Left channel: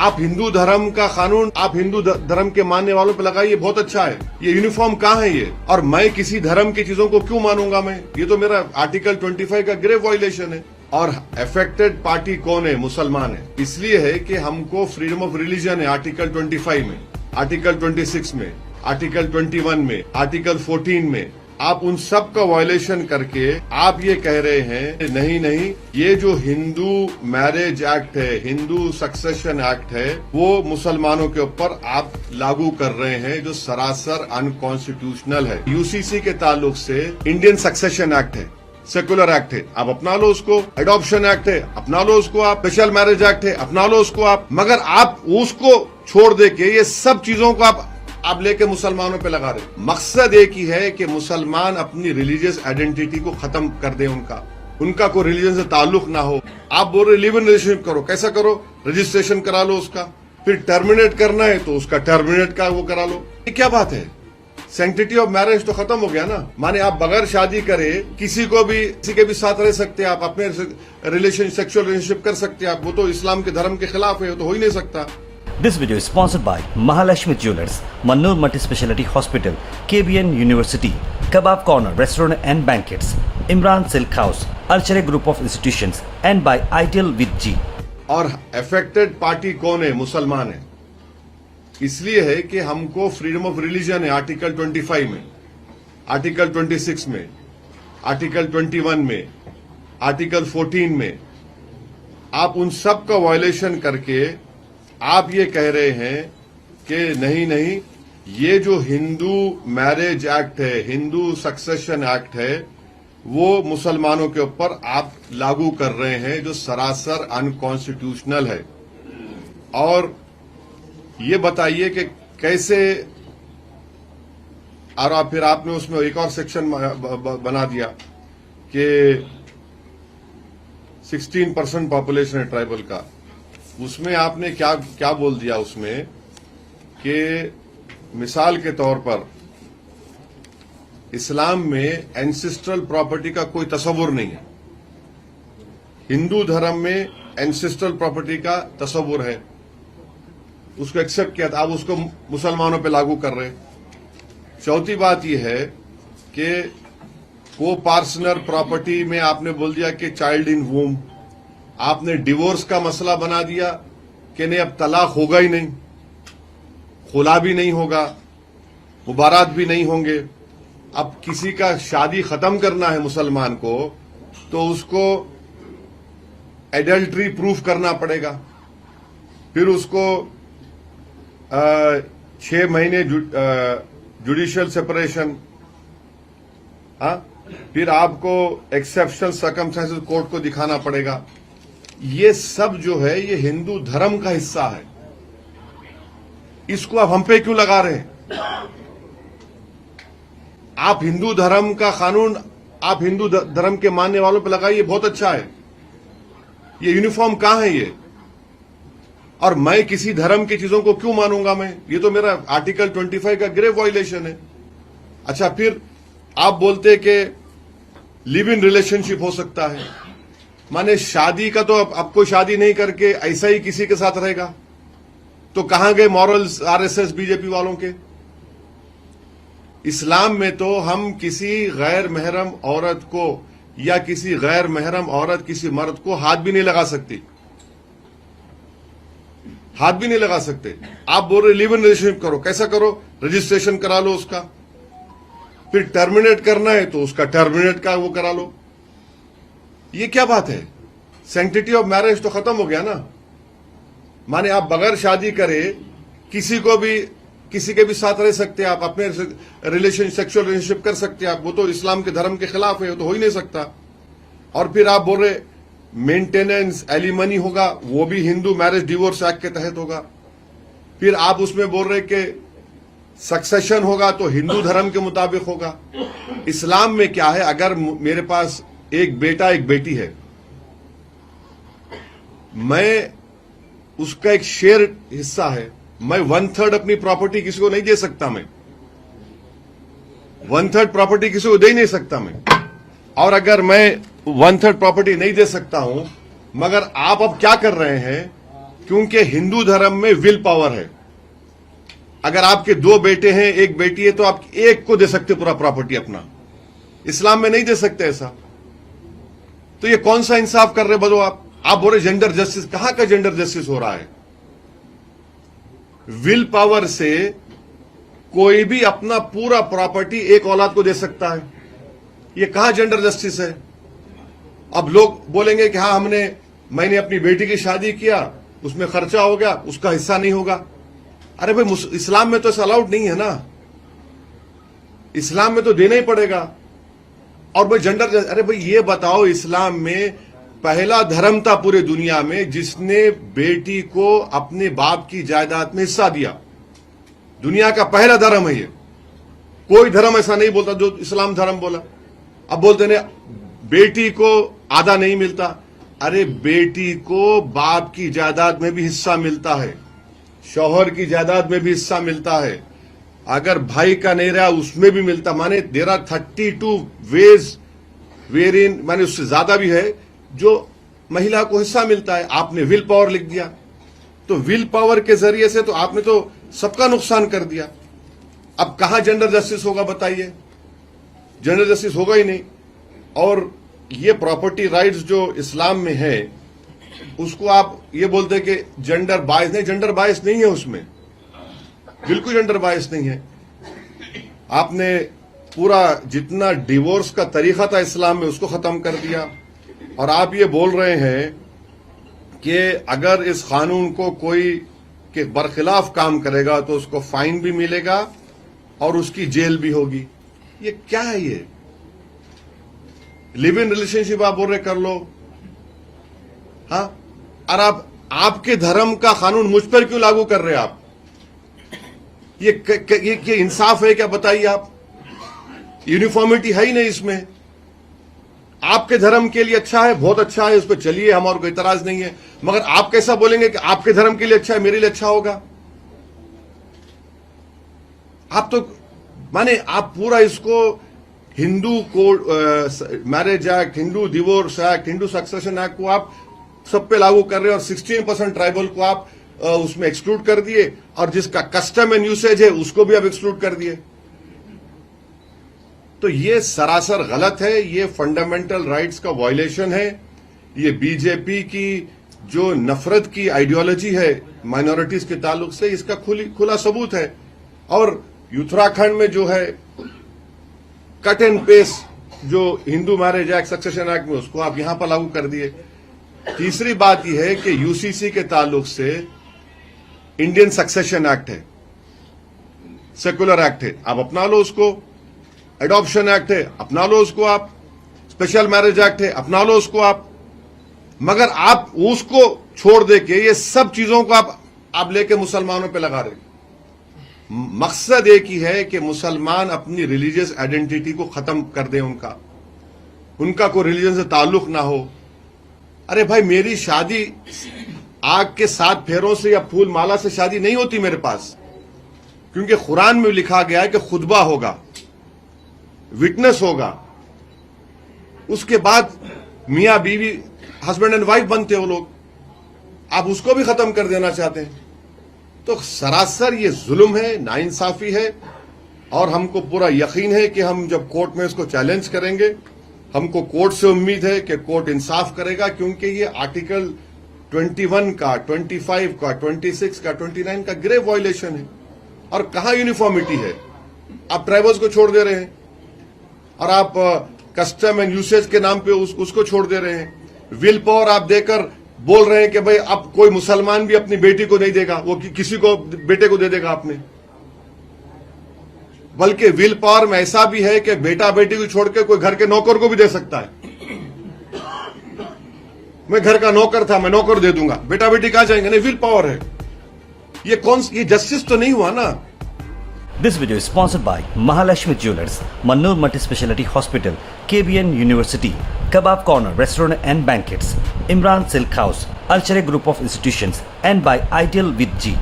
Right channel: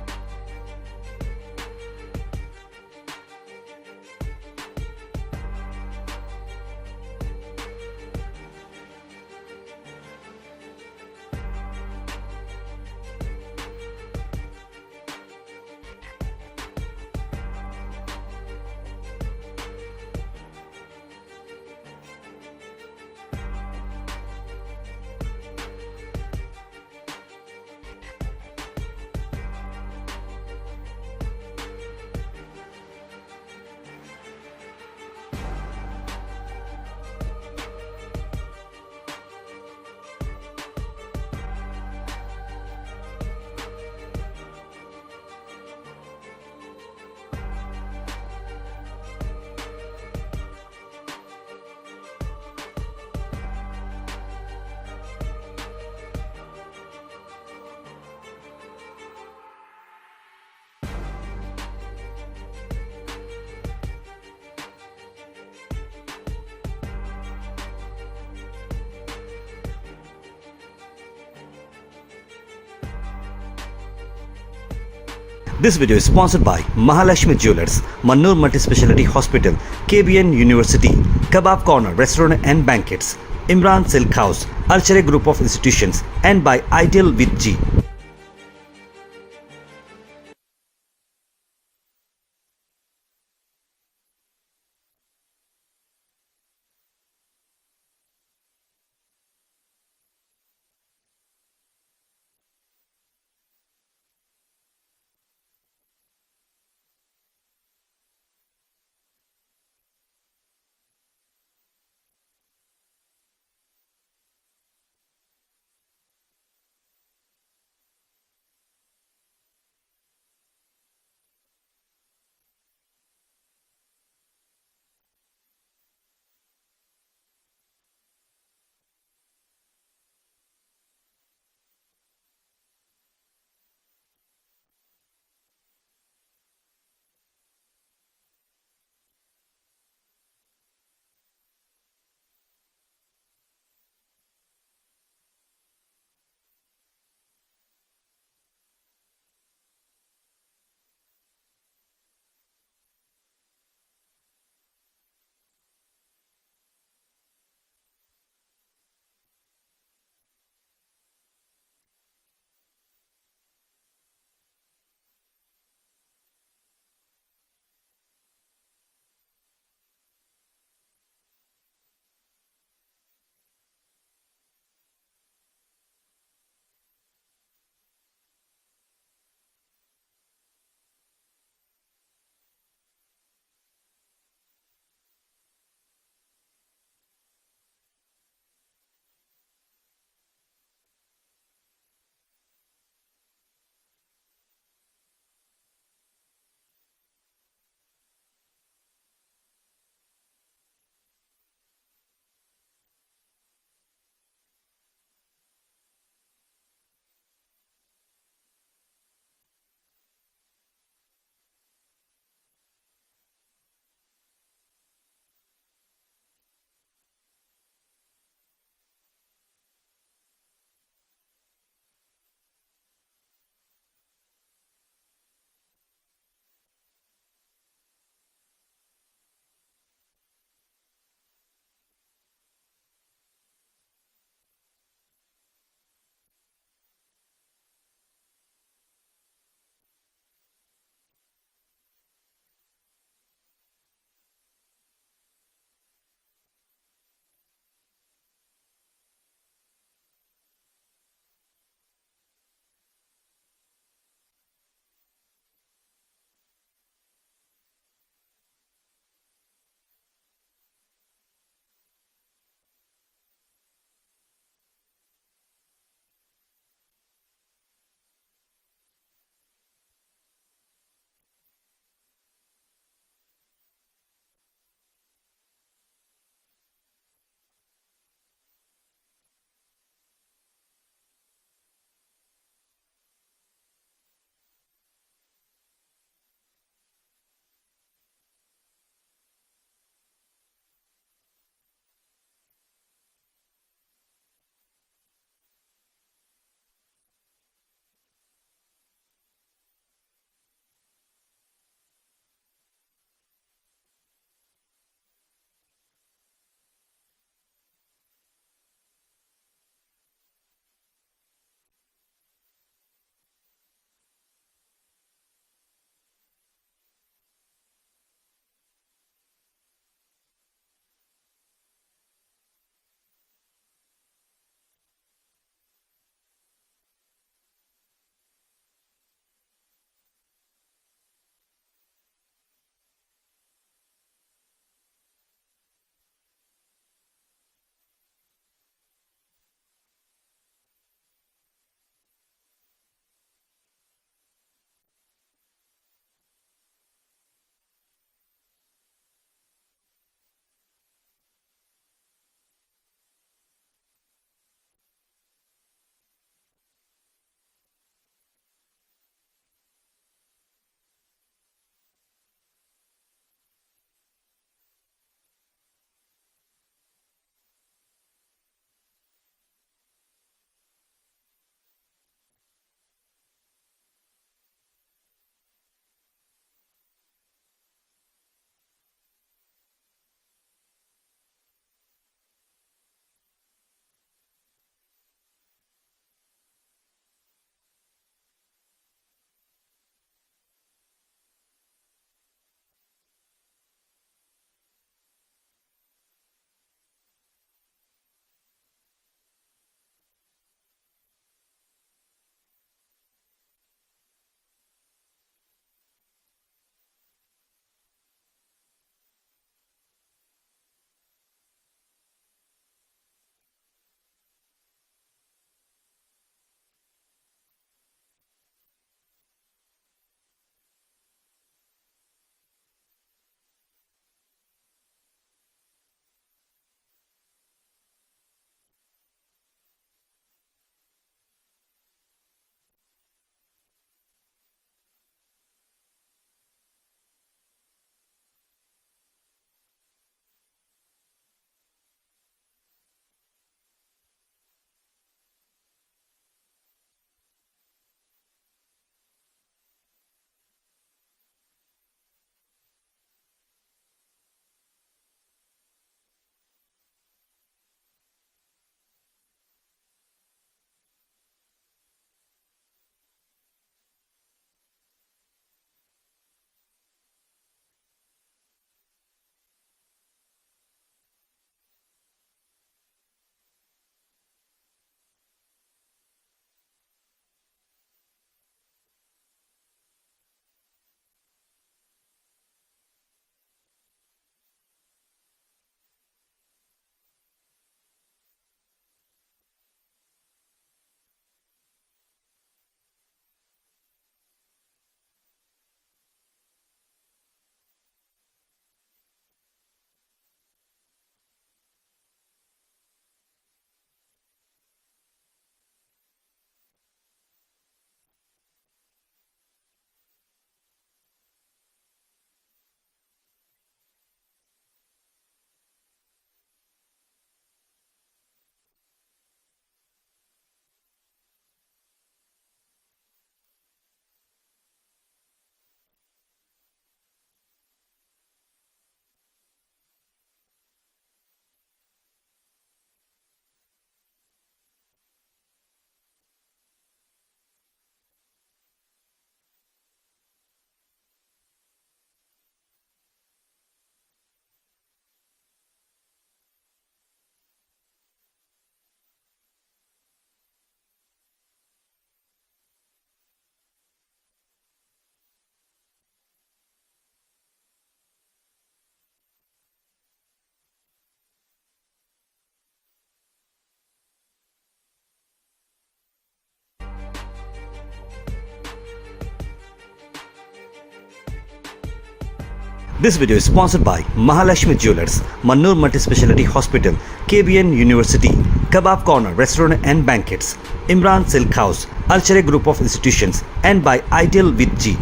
आप हिंदू धर्म का कानून आप हिंदू धर्म के मानने वालों पे लगाइए, बहुत अच्छा है। ये यूनिफॉर्म कहाँ है ये? और मैं किसी धर्म की चीजों को क्यों मानूंगा मैं? ये तो मेरा आर्टिकल 25 का ग्रेव वायलेशन है। और अफेक्टेड पार्टी कौन है? मुसलमान है। इसलिए है कि हमको फ्रीडम ऑफ रिलीजन है आर्टिकल 25 में, आर्टिकल 26 में, आर्टिकल 21 में, आर्टिकल 14 में। आप उन सब का वायलेशन करके आप ये कह रहे हैं नहीं, ये जो हिंदू मैरिज एक्ट है, हिंदू सक्सेशन एक्ट है, वो मुसलमानों के ऊपर आप लागू कर रहे हैं, जो सरासर अनकॉन्स्टिट्यूशनल है। यूसीसी के ताल्लुक से इंडियन सक्सेशन एक्ट है, सेकुलर एक्ट है, आप अपना लो उसको। एडॉप्शन एक्ट है, अपना लो उसको आप। स्पेशल मैरिज एक्ट है, अपना लो उसको आप। मगर आप उसको छोड़ दे के ये सब चीजों को आप लेके मुसलमानों पे लगा रहे। मकसद एक ही है कि मुसलमान अपनी रिलीजियस आइडेंटिटी को खत्म कर दे, उनका कोई रिलीजन से ताल्लुक ना हो। आप बोल रहे लिव इन रिलेशनशिप करो, कैसा करो? रजिस्ट्रेशन करा लो उसका। फिर टर्मिनेट करना है तो उसका टर्मिनेट का वो करा लो। ये क्या बात है? सैंक्टिटी ऑफ मैरिज तो खत्म हो गया ना। माने आप बगैर शादी करे किसी के भी साथ रह सकते हैं, आप अपने सेक्सुअल रिलेशनशिप कर सकते हैं आप। वो तो इस्लाम के धर्म के खिलाफ है, वो तो हो ही नहीं सकता। This video is sponsored by Mahalakshmi Jewelers, Mannur Multi-Speciality Hospital, KBN University, Kebab Corner Restaurant and Banquets, Imran Silk House, Alchare Group of Institutions, and by Ideal with G. और अफेक्टेड पार्टी कौन है? मुसलमान है। इसलिए है कि हमको freedom of religion है आर्टिकल 25 में, आर्टिकल 26 में, आर्टिकल 21 में, आर्टिकल 14 में। आप उन सब का वायलेशन करके आप ये कह रहे हैं कि नहीं, ये जो हिंदू मैरिज एक्ट है, हिंदू सक्सेशन एक्ट है, वो मुसलमानों के ऊपर आप लागू कर रहे हैं, जो सरासर अनकॉन्स्टिट्यूशनल है। और ये बताइए कि कैसे। और फिर आपने उसमें एक और सेक्शन बना दिया कि 16% पॉपुलेशन है ट्राइबल का। उसमें आपने क्या बोल दिया उसमें कि मिसाल के तौर पर इस्लाम में एंसेस्ट्रल प्रॉपर्टी का कोई तस्वुर नहीं है, हिंदू धर्म में एंसेस्ट्रल प्रॉपर्टी का तस्वुर है। उसको एक्सेप्ट किया था, आप उसको मुसलमानों पे लागू कर रहे। चौथी बात यह है कि को पार्सनर प्रॉपर्टी में आपने बोल दिया कि चाइल्ड इन वूम। आपने डिवोर्स का मसला बना दिया कि नहीं, अब तलाक होगा ही नहीं, खुला भी नहीं होगा, मुबारात भी नहीं होंगे। अब किसी का शादी खत्म करना है मुसलमान को तो उसको एडल्ट्री प्रूफ करना पड़ेगा। फिर उसको 6 महीने जुडिशियल सेपरेशन। फिर आपको एक्सेप्शनल सर्कमस्टेंसेस कोर्ट को दिखाना पड़ेगा। ये सब जो है ये हिंदू धर्म का हिस्सा है। इसको आप हम पे क्यों लगा रहे हैं? आप हिंदू धर्म का कानून आप हिंदू धर्म के मानने वालों पे लगाइए, बहुत अच्छा है। ये यूनिफॉर्म कहाँ है ये? और मैं किसी धर्म की चीजों को क्यों मानूंगा मैं? ये तो मेरा आर्टिकल 25 का ग्रेव वायलेशन है। अच्छा, फिर आप बोलते कि लिव इन रिलेशनशिप हो सकता है। माने शादी का तो अब कोई शादी नहीं करके ऐसा ही किसी के साथ रहेगा, तो कहां गए मॉरल्स आरएसएस बीजेपी वालों के? इस्लाम में तो हम किसी गैर महरम औरत को या किसी गैर महरम औरत किसी मर्द को हाथ भी नहीं लगा सकती, हाथ भी नहीं लगा सकते। आप बोल रहे लिव इन रिलेशनशिप करो, कैसा करो? रजिस्ट्रेशन करा लो उसका। फिर टर्मिनेट करना है तो उसका टर्मिनेट का वो करा लो। ये क्या बात है? सैंक्टिटी ऑफ मैरिज तो खत्म हो गया ना। माने आप बगैर शादी करे किसी के भी साथ रह सकते हैं, आप अपने सेक्सुअल रिलेशनशिप कर सकते हैं आप। वो तो इस्लाम के धर्म के खिलाफ है, वो तो हो ही नहीं सकता। और फिर आप बोल रहे मेंटेनेंस एलिमनी होगा, वो भी हिंदू मैरिज डिवोर्स एक्ट के तहत होगा। फिर आप उसमें बोल रहे कि सक्सेशन होगा तो हिंदू धर्म के मुताबिक होगा। इस्लाम में क्या है? अगर मेरे पास एक बेटा एक बेटी है, मैं उसका एक शेयर हिस्सा है, मैं 1/3 अपनी प्रॉपर्टी किसी को नहीं दे सकता। मैं 1/3 प्रॉपर्टी किसी को दे नहीं सकता मैं। और अगर मैं 1/3 प्रॉपर्टी नहीं दे सकता हूं, मगर आप अब क्या कर रहे हैं क्योंकि हिंदू धर्म में विल पावर है। अगर आपके 2 बेटे हैं, 1 बेटी है, तो आप एक को दे सकते पूरा प्रॉपर्टी अपना। इस्लाम में नहीं दे सकते ऐसा। तो ये कौन सा इंसाफ कर रहे बदो आप बोल रहे जेंडर जस्टिस। कहां का जेंडर जस्टिस हो रहा है? विल पावर से कोई भी अपना पूरा प्रॉपर्टी एक औलाद को दे सकता है। ये कहां जेंडर जस्टिस है? अब लोग बोलेंगे कि हाँ मैंने अपनी बेटी की शादी किया, उसमें खर्चा हो गया, उसका हिस्सा नहीं होगा। अरे भाई इस्लाम में तो ऐसा अलाउड नहीं है ना। इस्लाम में तो देना ही पड़ेगा। और भाई जेंडर, अरे भाई ये बताओ, इस्लाम में पहला धर्म था पूरे दुनिया में जिसने बेटी को अपने बाप की जायदाद में हिस्सा दिया। दुनिया का पहला धर्म है ये। कोई धर्म ऐसा नहीं बोलता जो इस्लाम धर्म बोला। अब बोलते ने बेटी को आधा नहीं मिलता। अरे बेटी को बाप की जायदाद में भी हिस्सा मिलता है, शौहर की जायदाद में भी हिस्सा मिलता है, अगर भाई का नहीं रहा उसमें भी मिलता। माने देयर आर 32 वेज वेरिन, माने उससे ज्यादा भी है जो महिला को हिस्सा मिलता है। आपने विल पावर लिख दिया, तो विल पावर के जरिए से तो आपने तो सबका नुकसान कर दिया। अब कहां जेंडर जस्टिस होगा बताइए? जेंडर जस्टिस होगा ही नहीं। और ये प्रॉपर्टी राइट्स जो इस्लाम में है उसको आप ये बोलते हैं कि जेंडर बायस नहीं। जेंडर बायस नहीं है उसमें, बिल्कुल जेंडर बायस नहीं है। आपने पूरा जितना डिवोर्स का तरीका था इस्लाम में उसको खत्म कर दिया। और आप ये बोल रहे हैं कि अगर इस कानून को कोई के बरखिलाफ काम करेगा तो उसको फाइन भी मिलेगा और उसकी जेल भी होगी। ये क्या है? ये लिव इन रिलेशनशिप आप बोल रहे कर लो, हाँ? और आप आपके धर्म का कानून मुझ पर क्यों लागू कर रहे हैं आप? ये इंसाफ है क्या बताइए आप? यूनिफॉर्मिटी है ही नहीं इसमें। आपके धर्म के लिए अच्छा है, बहुत अच्छा है, उस पर चलिए, हमारा कोई इतराज नहीं है। मगर आप कैसा बोलेंगे कि आपके धर्म के लिए अच्छा है, मेरे लिए अच्छा होगा? आप तो माने आप पूरा इसको Hindu code, marriage act, Hindu divorce act, Hindu succession act को आप सब पे लागू कर रहे हैं और 16% ट्राइबल को आप उसमें एक्सक्लूड कर दिए और जिसका कस्टम एंड यूसेज है उसको भी आप एक्सक्लूड कर दिए। तो ये सरासर गलत है, ये फंडामेंटल राइट्स का वायलेशन है। ये बीजेपी की जो नफरत की आइडियोलॉजी है माइनॉरिटीज के ताल्लुक से, इसका खुला सबूत है। और उत्तराखंड में जो है कट एंड पेस्ट जो Hindu marriage act, succession act में, उसको आप यहां पर लागू कर दिए। तीसरी बात यह है कि यूसीसी के ताल्लुक से इंडियन सक्सेशन एक्ट है, सेकुलर एक्ट है, आप अपना लो उसको। एडॉप्शन एक्ट है, अपना लो उसको आप। स्पेशल मैरिज एक्ट है, अपना लो उसको आप। मगर आप उसको छोड़ दे के ये सब चीजों को आप लेके मुसलमानों पे लगा रहे। मकसद एक ही है कि मुसलमान अपनी रिलीजियस आइडेंटिटी को खत्म कर दें, उनका कोई रिलीजन से ताल्लुक ना हो। अरे भाई, मेरी शादी आग के 7 फेरों से या फूल माला से शादी नहीं होती मेरे पास, क्योंकि कुरान में लिखा गया है कि खुतबा होगा, विटनेस होगा, उसके बाद मियां बीवी हस्बैंड एंड वाइफ बनते हो लोग। आप उसको भी खत्म कर देना चाहते हैं। तो सरासर ये जुल्म है, नाइंसाफी है। और हमको पूरा यकीन है कि हम जब कोर्ट में इसको चैलेंज करेंगे, हमको कोर्ट से उम्मीद है कि कोर्ट इंसाफ करेगा, क्योंकि ये आर्टिकल 21 का, 25 का, 26 का, 29 का ग्रेव वायलेशन है। और कहां यूनिफॉर्मिटी है? आप ट्राइबल्स को छोड़ दे रहे हैं और आप कस्टम एंड यूसेज के नाम पे उसको छोड़ दे रहे हैं। विल पावर आप देकर बोल रहे हैं कि भाई अब कोई मुसलमान भी अपनी बेटी को नहीं देगा, वो किसी को बेटे को दे देगा आपने। बल्कि विल पावर में ऐसा भी है कि बेटा बेटी को छोड़ के कोई घर के नौकर को भी दे सकता है। मैं घर का नौकर था, मैं नौकर दे दूंगा, बेटा बेटी कहां जाएंगे? नहीं, विल पावर है। ये जस्टिस तो नहीं हुआ ना। This video is sponsored by Mahalashmi Jewelers, Mannur Multi-Speciality Hospital, KBN University, Kebab Corner Restaurant and Banquets, Imran Silk House, Alchere Group of Institutions, and by Ideal with G.